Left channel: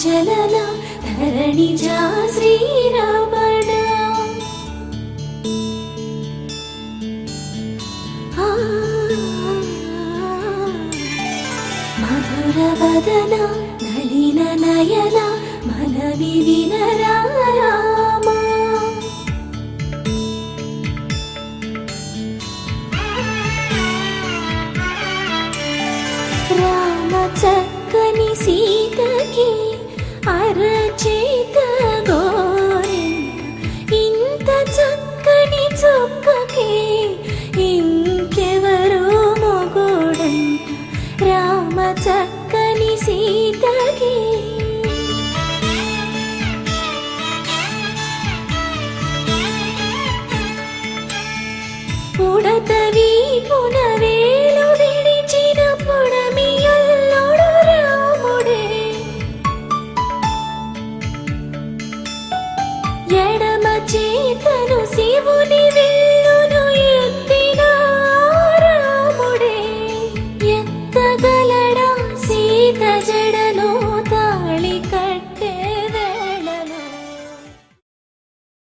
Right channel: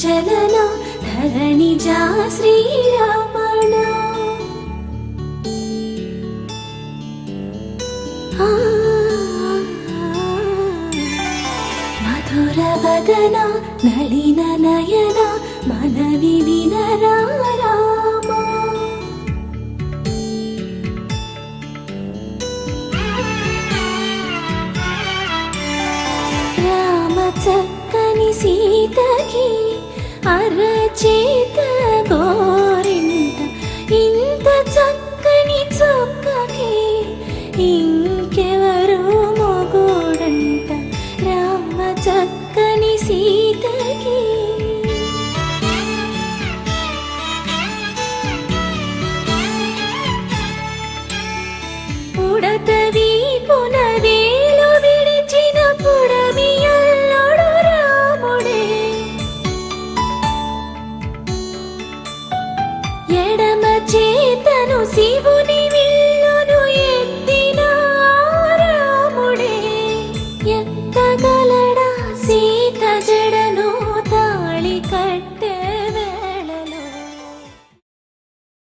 చలన ధరణిజా శ్రీరమణ మధుర వదన నళిన నయన మనవి వినరా రామా రామ చక్కని సీతకి అరచేత గోరింట ఇంత చక్కని చొక్కకి ఇంకెవరు మొగుడంట రామ చక్కని సీతకి పుడతవి పునరేలు విడిచిన పుడమియల్లుడు రాముడే ఎడమ చేతను శివుని విల్లును ఎత్తిన రాముడే ఎత్తగలడా సీత జడను తాళి కట్ట